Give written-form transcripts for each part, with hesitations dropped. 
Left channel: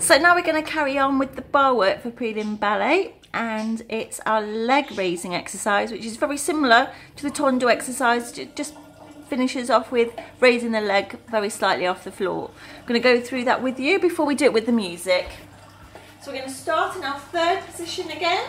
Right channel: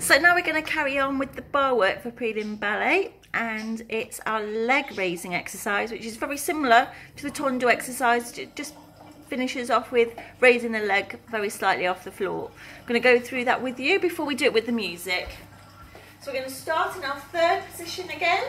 So now we're going to carry on with the bar work for Prelim Ballet, and it's our leg raising exercise, which is very similar to the tondo exercise. It just finishes off with raising the leg very slightly off the floor. I'm going to go through that with you before we do it with the music. So we're going to start in our third position again.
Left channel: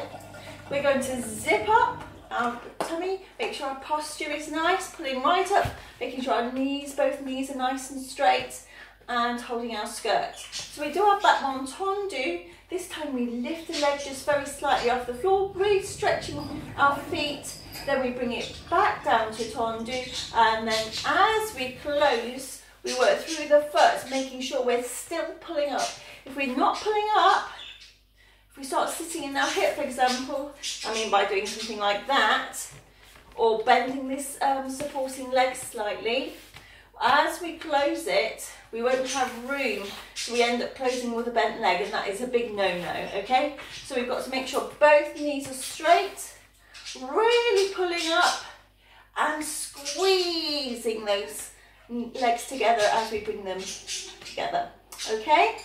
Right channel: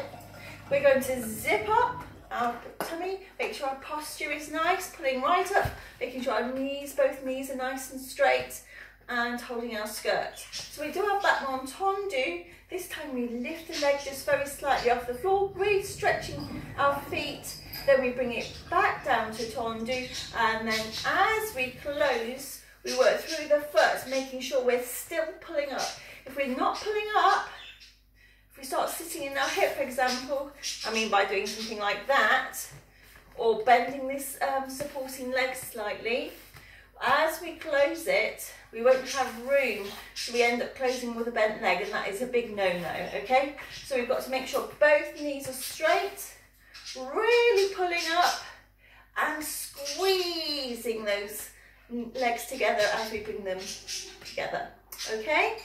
We're going to zip up our tummy, make sure our posture is nice, pulling right up, making sure our knees, both knees are nice and straight, and holding our skirt. So we do our back one tondo. This time we lift the leg just very slightly off the floor, really stretching our feet. Then we bring it back down to tondo, and then as we close, we work through the foot, making sure we're still pulling up. If we're not pulling up, if we start sitting in our hip, for example, I mean by doing something like that, or bending this supporting leg slightly, as we close it, we won't have room, so we end up closing with a bent leg, and that is a big no-no, okay? So we've got to make sure both knees are straight, really pulling up and squeezing those legs together as we bring them together, okay?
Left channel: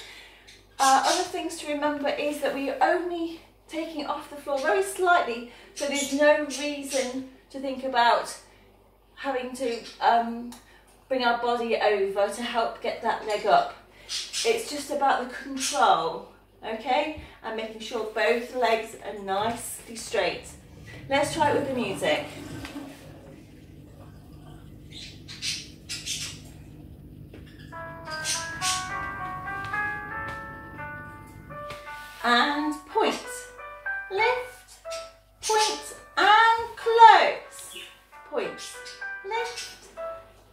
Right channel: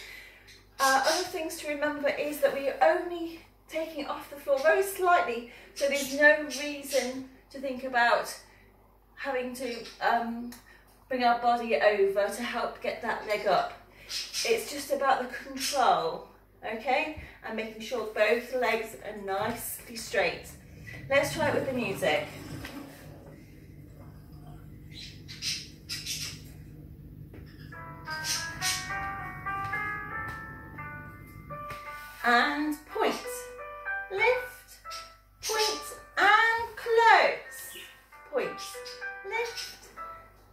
Other things to remember is that we are only taking it off the floor very slightly, so there's no reason to think about having to bring our body over to help get that leg up. It's just about the control, okay? And making sure both legs are nicely straight. Let's try it with the music. And point, lift, point and close, point, lift,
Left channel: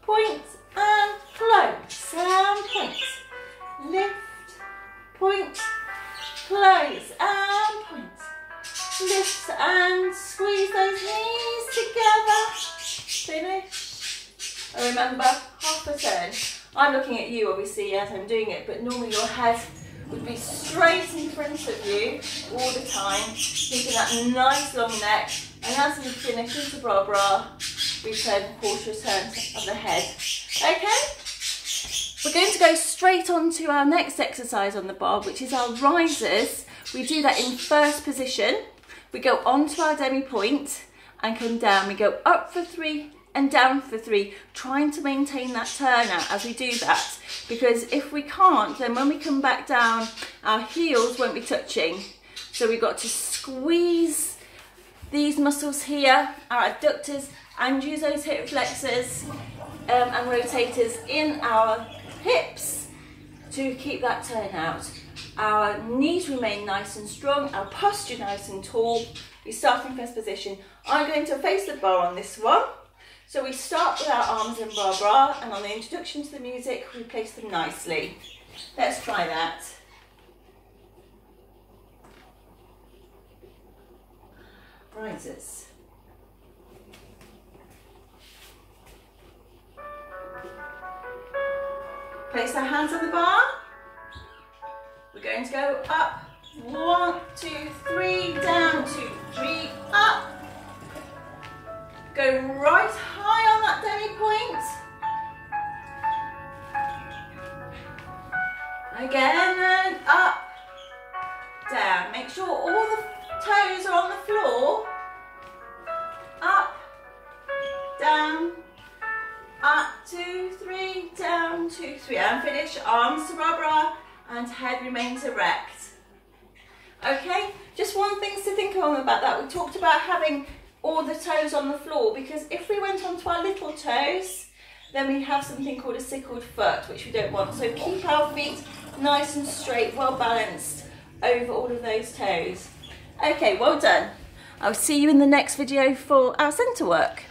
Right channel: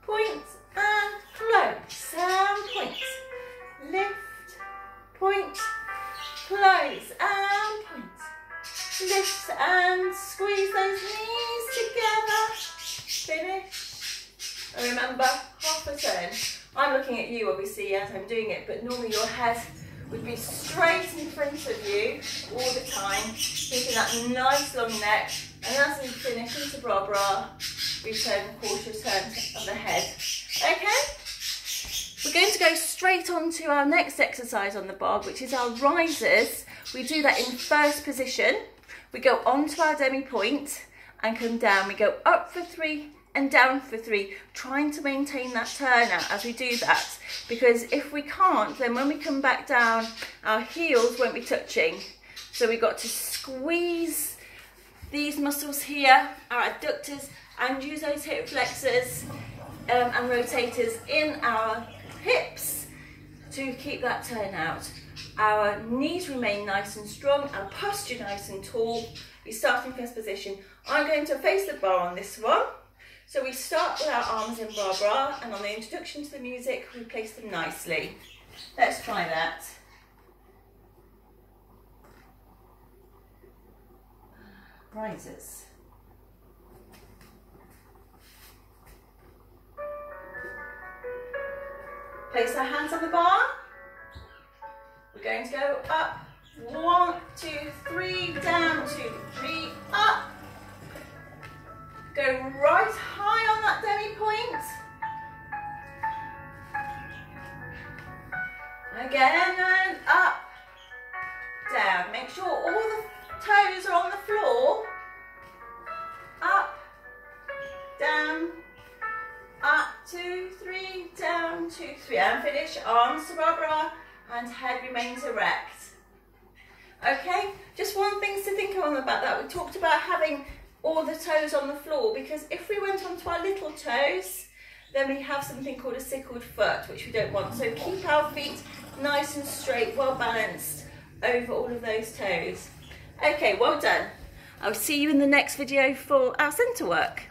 point and close, and point, lift, point, close, and point, lift and squeeze those knees together, finish. And remember, half a turn. I'm looking at you obviously as I'm doing it, but normally your head would be straight in front of you all the time, keeping that nice long neck, and as we finish into bra, we turn quarter turn of the head. Okay? We're going to go straight on to our next exercise on the bar, which is our risers. We do that in first position. We go onto our demi point and come down. We go up for 3 and down for 3, trying to maintain that turnout as we do that, because if we can't, then when we come back down, our heels won't be touching. So we've got to squeeze these muscles here, our adductors, and use those hip flexors and rotators in our hips to keep that turnout. Our knees remain nice and strong, our posture nice and tall. We start in first position. I'm going to face the bar on this one. So we start with our arms in bra, and on the introduction to the music, we place them nicely. Let's try that. Risers. Place our hands on the bar. We're going to go up. 1, 2, 3, down, 2, 3, up. Go right high on that demi point. Again, and up, down. Make sure all the toes are on the floor. Up, down, up, 2, 3, down, 2, 3. And finish, arms to bra, and head remains erect. Okay, just one thing to think on about that. We talked about having all the toes on the floor, because if we went onto our little toes, then we have something called a sickled foot, which we don't want. So keep our feet nice and straight, well balanced over all of those toes. Okay, well done. I'll see you in the next video for our centre work.